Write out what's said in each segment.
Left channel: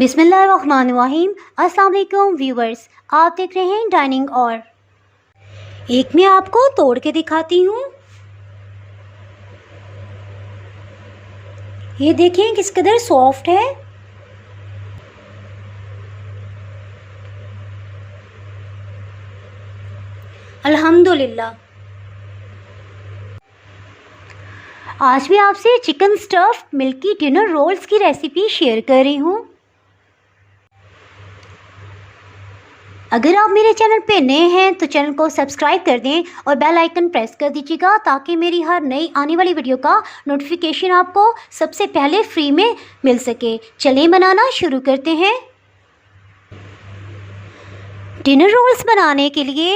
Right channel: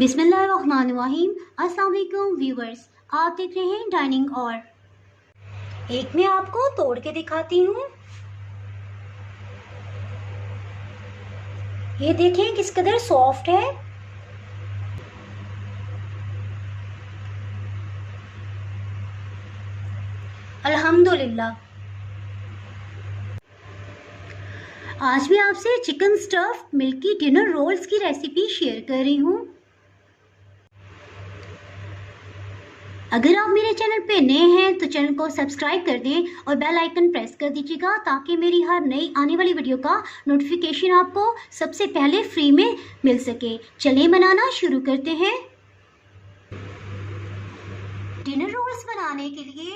बिस्मिल्लाहिर्रहमानिर्रहीम। अस्सलाम वालेकुम व्यूवर्स, आप देख रहे हैं डाइनिंग और एक मैं आपको तोड़ के दिखाती हूँ। ये देखिए किस कदर सॉफ्ट है। अल्हम्दुलिल्लाह। आज भी आपसे chicken stuff milky dinner rolls की रेसिपी शेयर कर रही हूँ। अगर आप मेरे चैनल पे नए हैं तो चैनल को सब्सक्राइब कर दें और बेल आइकन प्रेस कर दीजिएगा ताकि मेरी हर नई आने वाली वीडियो का नोटिफिकेशन आपको सबसे पहले फ्री में मिल सके। चलिए बनाना शुरू करते हैं। डिनर रोल्स बनाने के लिए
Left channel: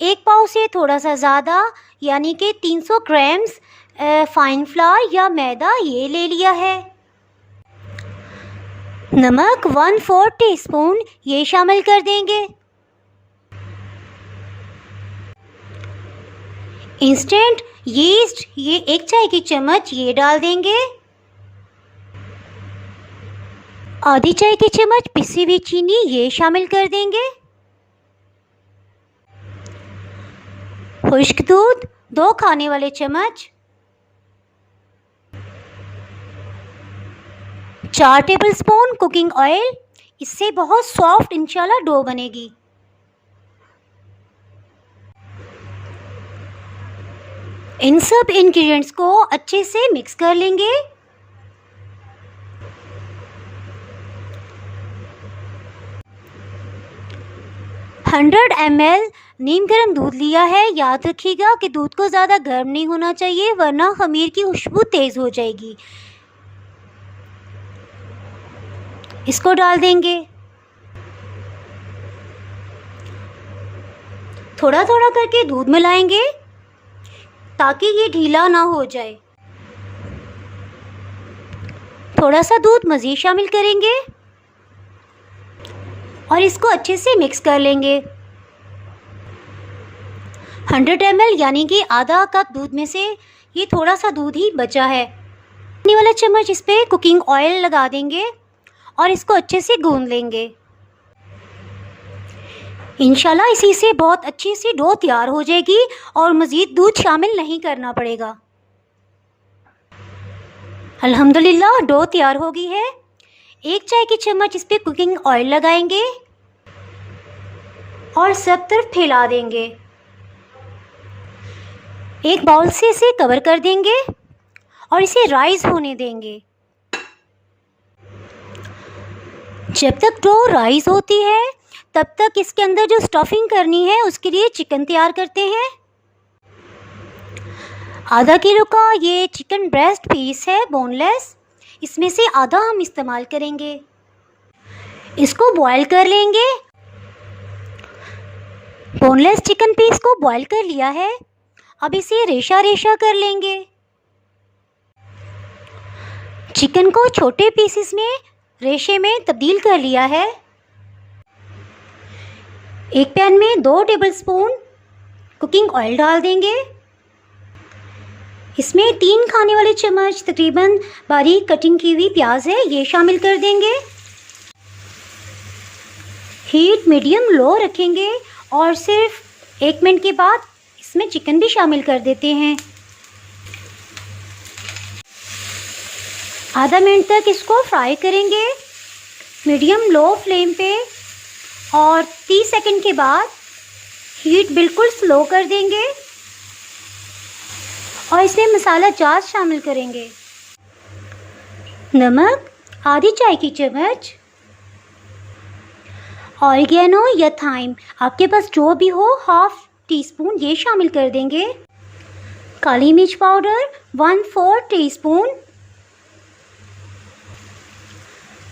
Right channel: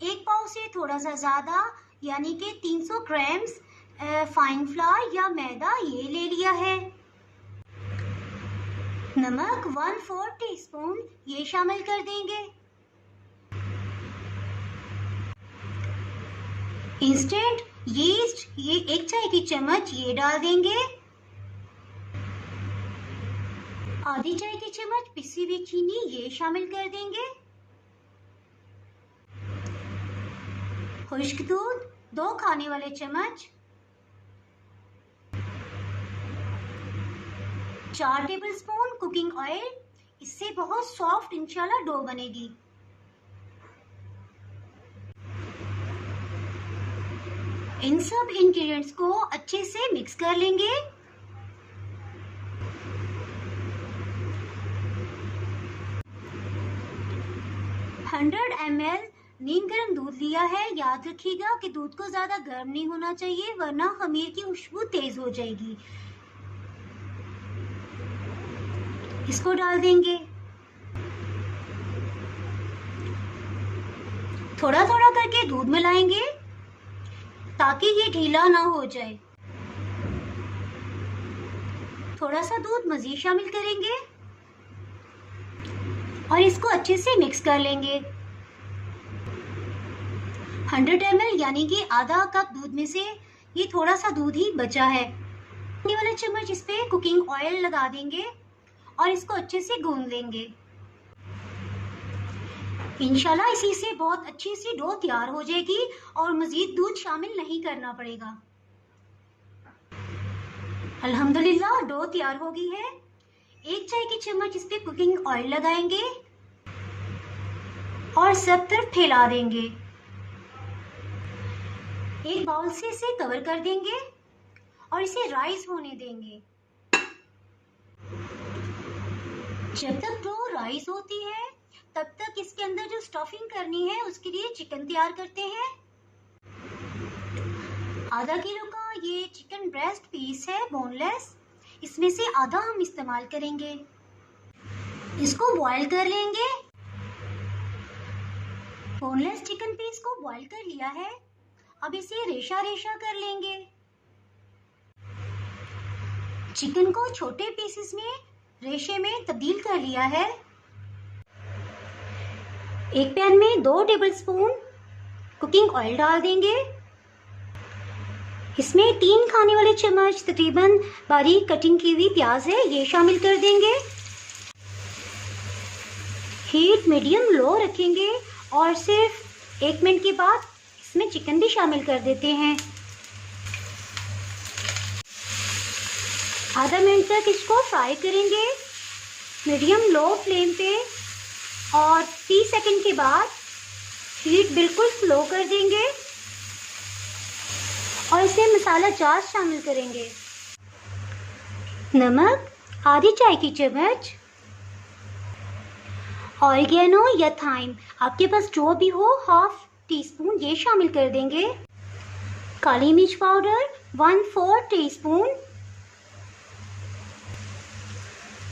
एक पाव से थोड़ा सा ज़्यादा यानी कि 300 ग्राम्स फाइन फ्लावर या मैदा ये ले लिया है। नमक 1/4 टीस्पून ये शामिल कर देंगे। इंस्टेंट यीस्ट ये 1 चाय की चम्मच ये डाल देंगे। आधी चाय की चम्मच पिसी हुई चीनी ये शामिल कर देंगे। खुश्क दूध 2 खाने वाले चम्मच। 4 टेबलस्पून कुकिंग ऑयल, इससे बहुत सॉफ्ट इंशाल्लाह डो बनेगी। इन सब इंग्रेडिएंट्स को अच्छे से मिक्स कर लेंगे। $100 ml नीम गर्म दूध लिया है। याद रखिएगा कि दूध को ज़्यादा गर्म नहीं होना चाहिए वरना खमीर की खुशबू तेज़ हो जाएगी। इसको डाल देंगे। थोड़ा थोड़ा करके दूध मिलाएंगे ताकि ये ढीला ना हो जाए। थोड़ा सा दूध मज़ीद शामिल करेंगे और इसको अच्छे से मिक्स कर लेंगे। 100 ml यानी कि आधा कप दूध में से ये थोड़ा सा दूध ही बचा है। पानी वाला चम्मच इस पे कुकिंग ऑयल लगा देंगे और इसको अच्छे से गूंद लेंगे। इंशाल्लाह इसी से बहुत अच्छी सी डो तैयार हो जाएगी और मज़ीद दूध शामिल नहीं करना पड़ेगा। अल्हम्दुलिल्लाह डो तैयार हो गई है। 1 चाय की चम्मच इस पे कुकिंग ऑयल लगाएंगे और सब तरफ फैला देंगे। एक बाउल से इसे कवर कर देंगे और इसे राइज होने देंगे। जब तक डो राइज होती है तब तक इसके अंदर जो स्टफिंग करनी है उसके लिए चिकन तैयार करते हैं। आधा किलो का ये चिकन ब्रेस्ट पीस है बोनलेस, इसमें से आधा हम इस्तेमाल करेंगे। इसको बॉईल कर लेंगे। बोनलेस चिकन पीस को बॉईल कर लिया है। अब इसे रेशा रेशा कर लेंगे। चिकन को छोटे पीसेस में रेशे में तब्दील कर लिया है। एक पैन में 2 टेबलस्पून कुकिंग ऑयल डाल देंगे। इसमें 3 खाने वाले चम्मच तकरीबन बारीक कटिंग की हुई प्याज है ये शामिल कर देंगे। हीट मीडियम लो रखेंगे और सिर्फ 1 मिनट के बाद इसमें चिकन भी शामिल कर देते हैं। आधा मिनट तक इसको फ्राई करेंगे मीडियम लो फ्लेम पे और 30 सेकंड के बाद हीट बिल्कुल स्लो कर देंगे और इसमें मसाला जात शामिल करेंगे। नमक आधी चाय की चम्मच, ऑरिगेनो या थाइम आपके पास जो भी हो 1/2 टीस्पून ये शामिल कर देंगे। काली मिर्च पाउडर 1/4 टीस्पून,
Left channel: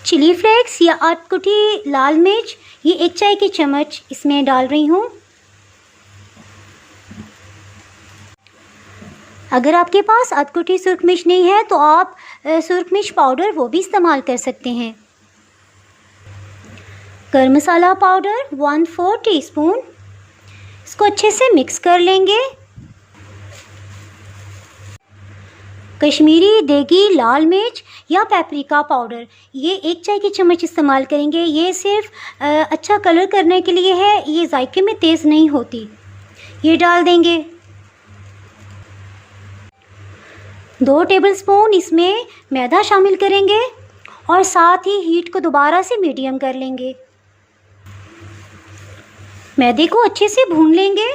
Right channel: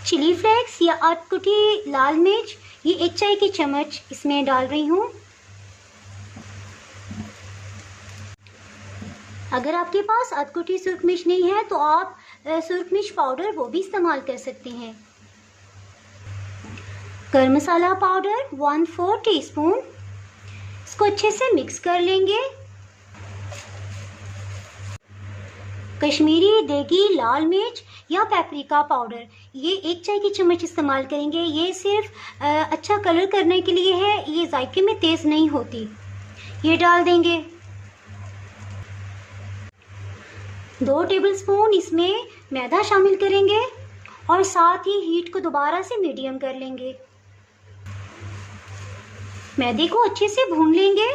चिली फ्लेक्स या अधकुटी लाल मिर्च ये 1 चाय की चम्मच इसमें डाल रही हूँ। अगर आपके पास अधकुटी सुर्ख मिर्च नहीं है तो आप सुर्ख मिर्च पाउडर वो भी इस्तेमाल कर सकते हैं। गरम मसाला पाउडर 1/4 टीस्पून, इसको अच्छे से मिक्स कर लेंगे। कश्मीरी देगी लाल मिर्च या पेपरिका पाउडर, ये 1 चाय की चम्मच इस्तेमाल करेंगे। ये सिर्फ अच्छा कलर करने के लिए है, ये जायके में तेज़ नहीं होती। ये डाल देंगे। 2 टेबलस्पून इसमें मैदा शामिल करेंगे और साथ ही हीट को दोबारा से मीडियम कर लेंगे। मैदे को अच्छे से भून लेंगे।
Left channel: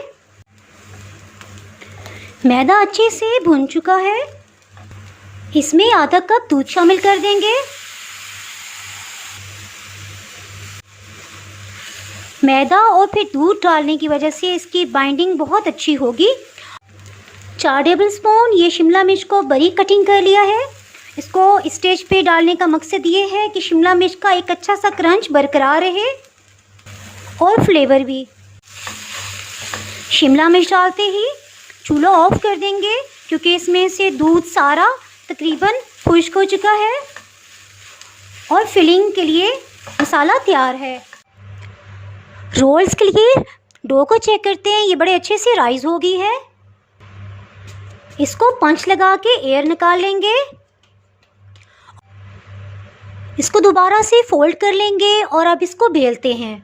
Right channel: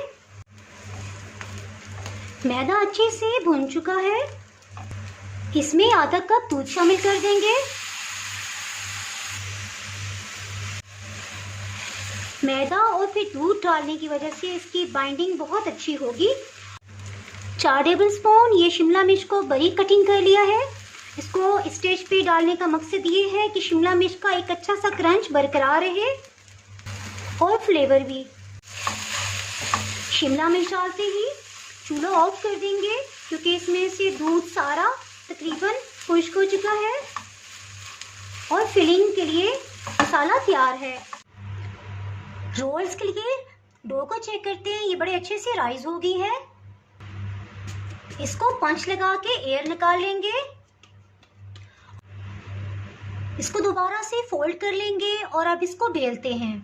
मैदा अच्छे से भुन चुका है। इसमें आधा कप दूध शामिल कर देंगे। मैदा और फिर दूध डालने की वजह से इसकी बाइंडिंग बहुत अच्छी होगी। 4 टेबलस्पून ये शिमला मिर्च को बारीक कटिंग कर लिया है। इसको स्टेज पे डालने का मकसद ये है कि शिमला मिर्च का एक अच्छा सा क्रंच बरकरार रहे और फ्लेवर भी। शिमला मिर्च डालते ही चूल्हा ऑफ कर देंगे क्योंकि इसमें से दूध सारा तकरीबन खुश्क हो चुका है और फिलिंग के लिए मसाला तैयार है। रोल्स के लिए डो को चेक करते हैं, ये बड़े अच्छे से राइज हो गई है। इसको पंच लगा के एयर निकाल लेंगे। इसको दोबारा से फोल्ड कर लेंगे और अब इसको बेलते हैं।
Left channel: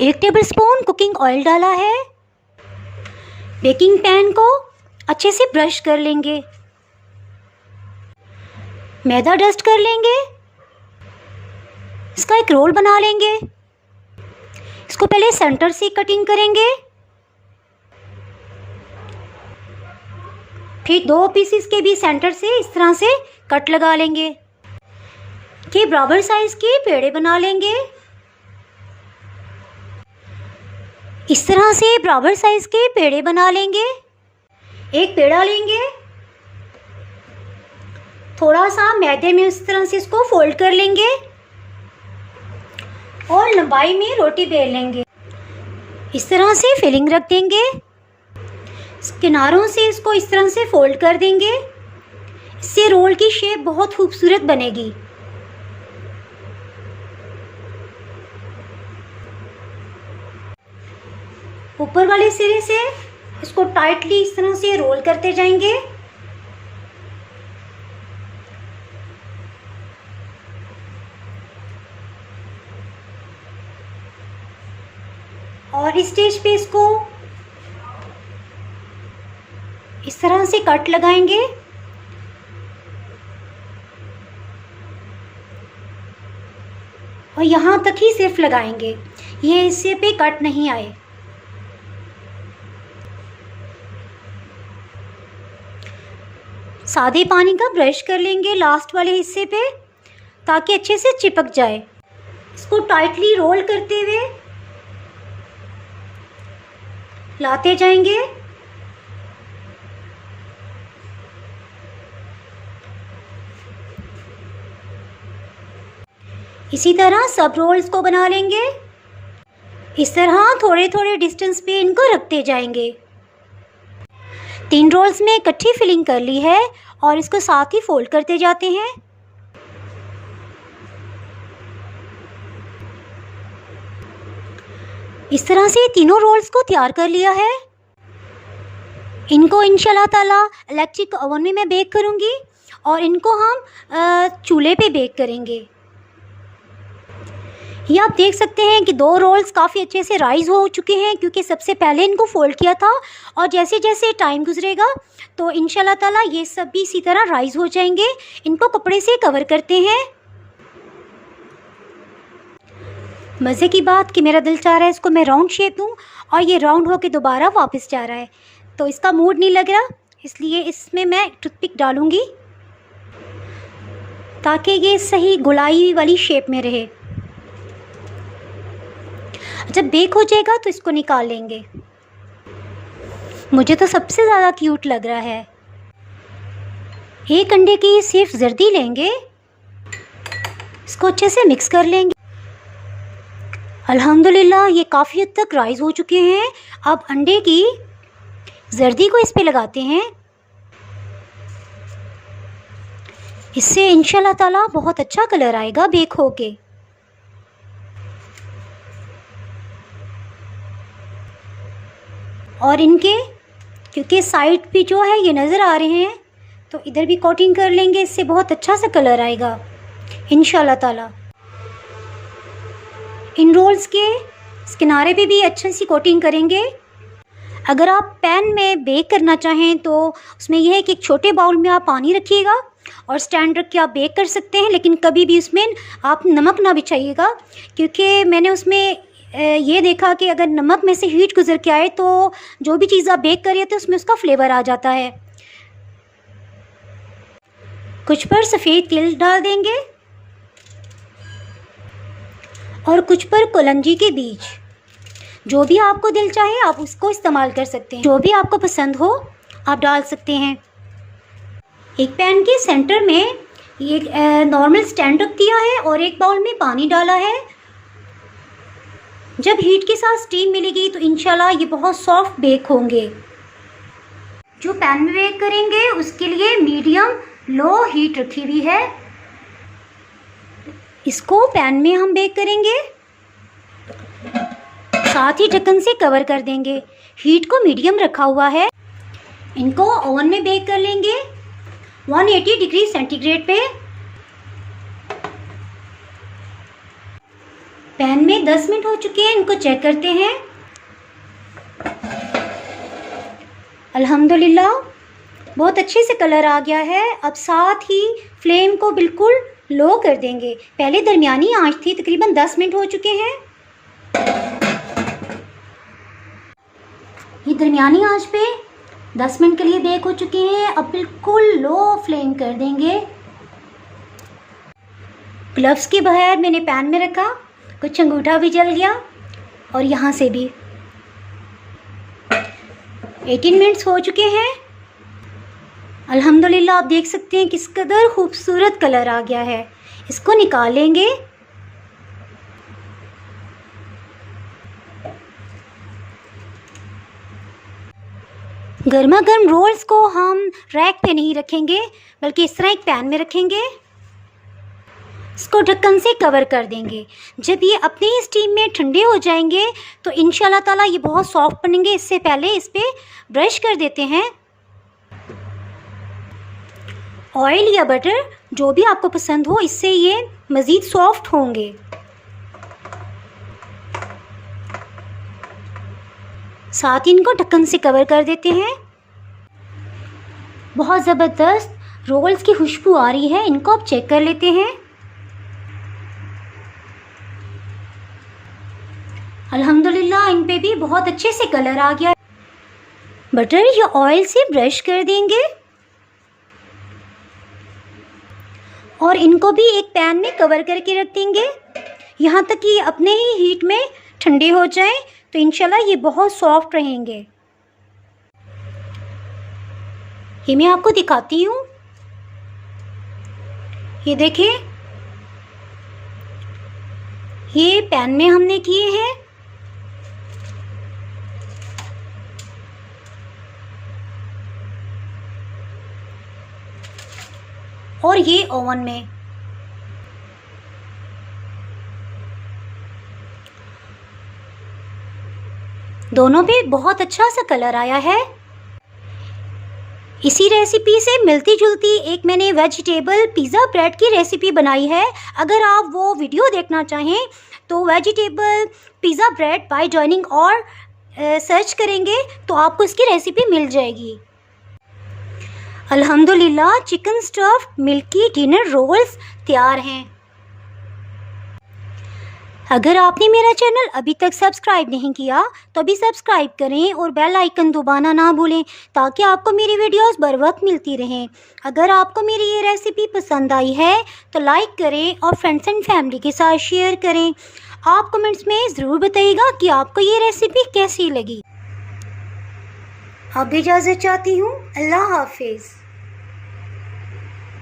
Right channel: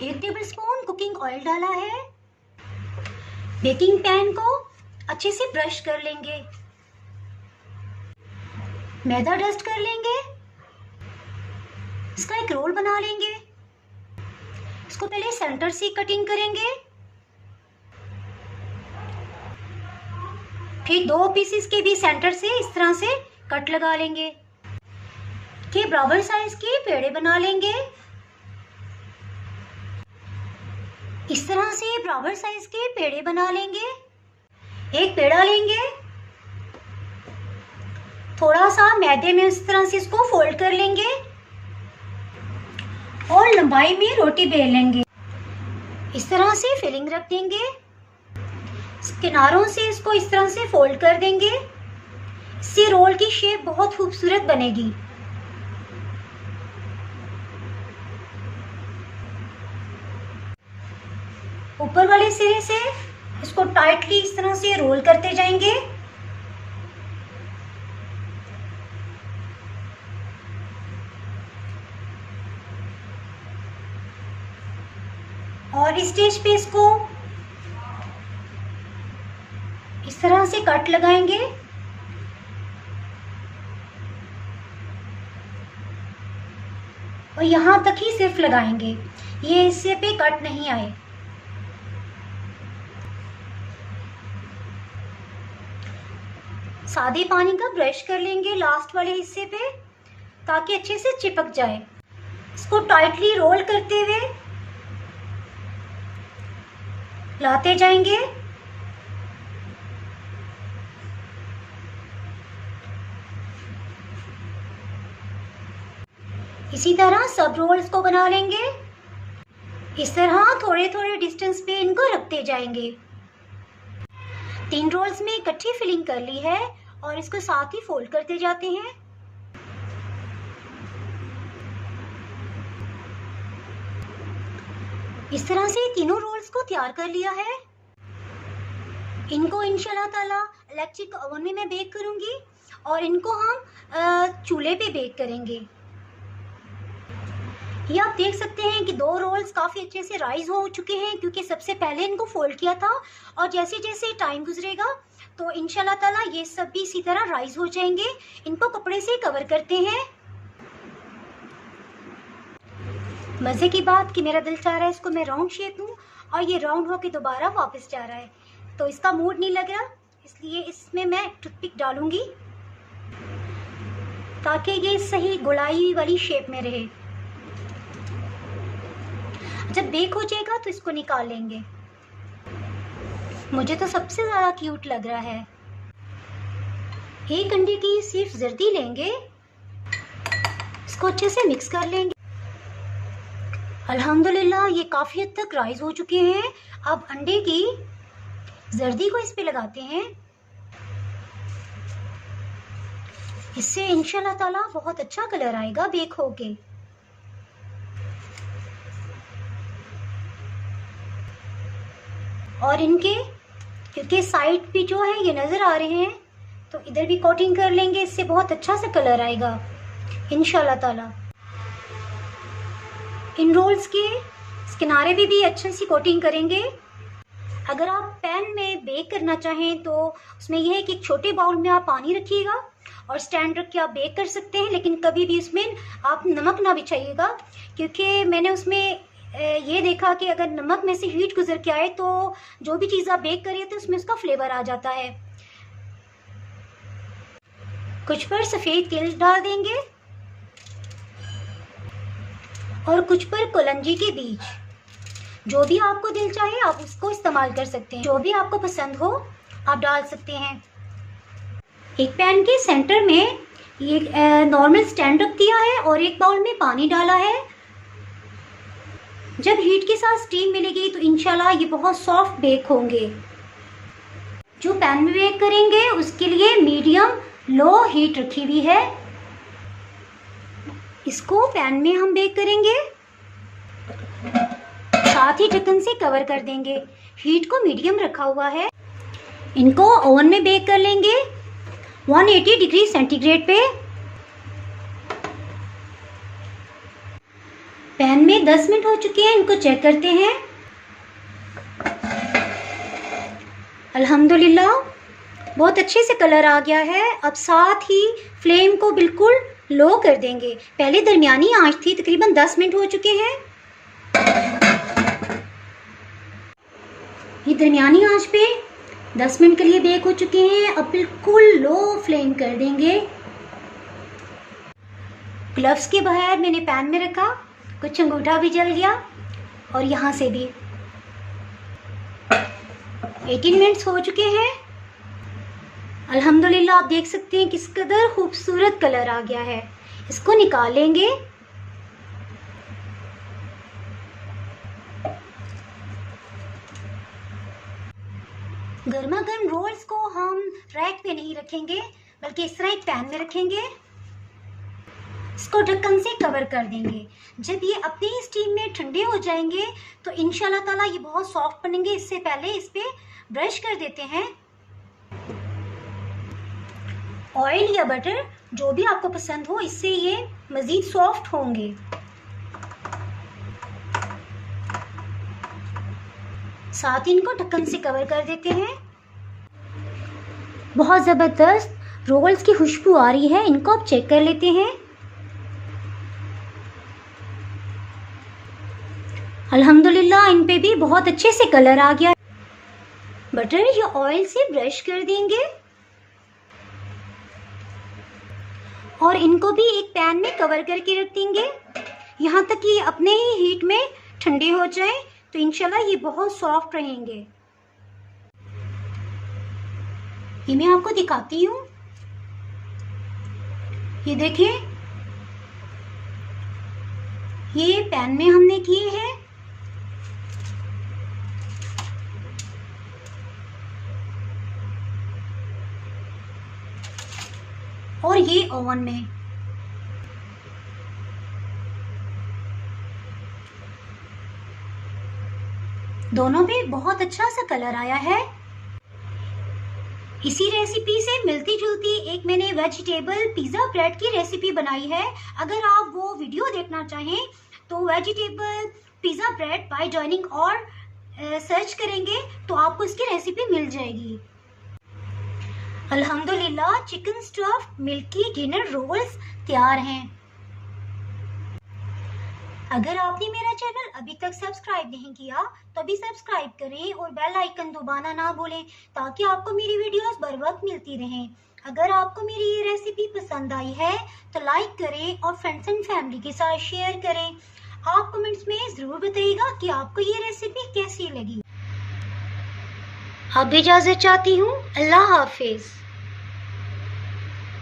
1 टेबलस्पून कुकिंग ऑयल डाला है। बेकिंग पैन को अच्छे से ब्रश कर लेंगे। मैदा डस्ट कर लेंगे। इसका एक रोल बना लेंगे। इसको पहले सेंटर से कटिंग करेंगे, फिर 2 पीसेस के भी सेंटर से इस तरह से कट लगा लेंगे। के बराबर साइज के पेड़े बना लेंगे। इस तरह से बराबर साइज के पेड़े बना लेंगे। एक पेड़ा लेंगे, थोड़ा सा मैदे में इस तरह से इसको फोल्ड कर लेंगे और लंबाई में रोटी बेल लेंगे। इस तरह से फिलिंग रख देंगे। किनारों से इसको इस तरह से फोल्ड कर देंगे। इससे रोल की शेप बहुत खूबसूरत बनेगी। ऊपर वाले सिरे से इसको टाइटली इस तरह से रोल करते जाएंगे। और इस स्टेज पे इसको इस तरह से कट लगाएंगे। और यहाँ तक ही सिर्फ लगाएंगे, ये हिस्से पे कट नहीं आए। सादे पानी का ब्रश कर लेंगे लास्ट वाले हिस्से पे ताकि अच्छे से चिपक जाए। इसको टाइटली रोल करते हुए लाते जाएंगे। इसी तरह सब रोल्स को बना लेंगे। इस तरह थोड़े थोड़े डिस्टेंस पे इनको रखते जाएंगे। 3 रोल्स में इकट्ठी फिलिंग कर ली है और इसको साथ ही फोल्ड करते जाते हैं। इस तरह से तीनों रोल्स को तैयार कर लिया है। इनको इंशाल्लाह ताला इलेक्ट्रिक ओवन में मैं बेक करूंगी और इनको हम चूल्हे पे बेक करेंगे। ये आप देख सकते हैं कि 2 रोल्स काफ़ी अच्छे से राइज हो चुके हैं क्योंकि सबसे पहले इनको फोल्ड किया था और जैसे जैसे टाइम गुजरेगा तो इंशाल्लाह ताला ये सब भी इसी तरह राइज हो जाएंगे। इनको कपड़े से कवर करते हैं। मज़े की बात कि मेरा दिल चाह रहा है इसको मैं राउंड शेप दूँ और ये राउंड होके दोबारा वापस जा रहा है, तो इसका मूड नहीं लग रहा, इसलिए इसमें मैं टूथपिक डालूँगी ताकि ये सही गोलाई वाली शेप में रहे। जब बेक हो जाएगा तो इसको निकाल लेंगे। मुझे तो सबसे ज़्यादा क्यूट लग रहा है। 1 अंडे की सिर्फ जर्दी लेंगे, इसको अच्छे से मिक्स कर लेंगे। अल्हम्दुलिल्लाह ये काफ़ी हद तक राइज हो चुके हैं। अब अंडे की जर्दी को इस पे लगाते हैं। इससे इंशाल्लाह ताला बहुत अच्छा कलर आएगा बेक होके। और इनके क्योंकि साइड भी जो है ये नज़र आ रहे हैं, तो इधर भी कोटिंग कर लेंगे, इससे बहुत अच्छा सा कलर आएगा इंशाल्लाह ताला। इन रोल्स के किनारे पे भी अच्छी सी कोटिंग करेंगे। अगर आप पैन में बेक करना चाहें तो उसमें यह है कि एक छोटे बाउल में आप पानी रखिएगा और स्टैंड रख के आप बेक कर सकते हैं, लेकिन कभी भी उसमें आप नमक ना बिछाइएगा, क्योंकि मैंने उसमें ये देखा कि अगर नमक में से हीट गुजर के आए तो जो भी चीज़ आप बेक कर रहे थे उसमें उसका फ्लेवर आ जाता है। कुछ पर सफ़ेद तिल डाल देंगे और कुछ पर कलंजी के बीज, जो भी आपको दिल चाहे आप उसको इस्तेमाल कर सकते हैं, जो भी आपको पसंद हो आप डाल सकते हैं। एक पैन के सेंटर में ये नॉर्मल स्टैंड रख दिया है और एक बाउल में पानी डाला है। जब हीट के साथ स्टीम मिलेगी तो इंशाल्लाह ये बहुत सॉफ्ट बेक होंगे। जो पैन में बेक करेंगे उसके लिए मीडियम लो हीट रखी हुई है। इसको पैन में हम बेक करेंगे, साथ ही ढक्कन से कवर कर देंगे। हीट को मीडियम रखा हुआ है। इनको ओवन में बेक कर लेंगे 180 डिग्री सेंटीग्रेड पे। पैन में 10 मिनट हो चुके हैं, इनको चेक करते हैं। अल्हम्दुलिल्लाह बहुत अच्छे से कलर आ गया है। अब साथ ही फ्लेम को बिल्कुल लो कर देंगे। पहले दरमियानी आंच थी, तकरीबन 10 मिनट हो चुके हैं। ये दरमियानी आंच पे 10 मिनट के लिए बेक हो चुके हैं। अब बिल्कुल लो फ्लेम कर देंगे। ग्लव्स के बगैर मैंने पैन में रखा, कुछ अंगूठा भी जल गया और यहाँ से भी। 18 मिनट्स हो चुके हैं। अल्हम्दुलिल्लाह आप देख सकते हैं किस कदर खूबसूरत कलर आ गया है। इसको निकाल लेंगे। गर्मा गर्म रोल्स को हम रैक पे नहीं रखेंगे, बल्कि इस तरह एक पैन में रखेंगे। इसको ढक्कन से कवर कर देंगे। जब ये अपने ही स्टीम में ठंडे हो जाएंगे तो इंशाल्लाह ताला ये बहुत सॉफ्ट बनेंगे। इससे पहले इस पे ब्रश कर देते हैं। ऑयल या बटर जो भी आपको पसंद हो, इससे ये मज़ीद सॉफ्ट होंगे। साथ ही इनको ढक्कन से कवर कर देते हैं। बहुत ज़बरदस्त रोल्स की खुशबू आ रही है। इनको अब चेक कर लेते हैं। अल्हम्दुलिल्लाह इन पे भी बहुत अच्छे से कलर आ गया। बटर या ऑयल से ब्रश कर देंगे और इनको भी एक पैन में कवर करके रख देंगे, यहाँ तक कि अपने ही हीट में ठंडे हो जाएं, तो इंशाल्लाह ये बहुत सॉफ्ट रहेंगे। ये मैं आपको दिखाती हूँ। ये देखें, ये पैन में हमने किए हैं। और ये ओवन में। दोनों पे बहुत अच्छा सा कलर आया है। इसी रेसिपी से मिलती जुलती एक मैंने वेजिटेबल पिज़्ज़ा ब्रेड की रेसिपी बनाई है। अगर आप वो वीडियो देखना चाहें तो vegetable pizza bread by joining और सर्च करेंगे तो आपको इसकी रेसिपी मिल जाएगी। अल्हम्दुलिल्लाह chicken stuffed milky dinner rolls तैयार हैं। अगर आपने मेरा चैनल अभी तक सब्सक्राइब नहीं किया तो अभी सब्सक्राइब करें और बेल आइकन दबाना ना भूलें, ताकि आपको मेरी वीडियोस बर वक्त मिलती रहें। अगर आपको मेरी ये रेसिपी पसंद आई है तो लाइक करें और फ्रेंड्स एंड फैमिली के साथ शेयर करें। आप कमेंट्स में ज़रूर बताइएगा कि आपको ये रेसिपी कैसी लगी। अब इजाज़त चाहती हूँ। अल्लाह हाफिज़।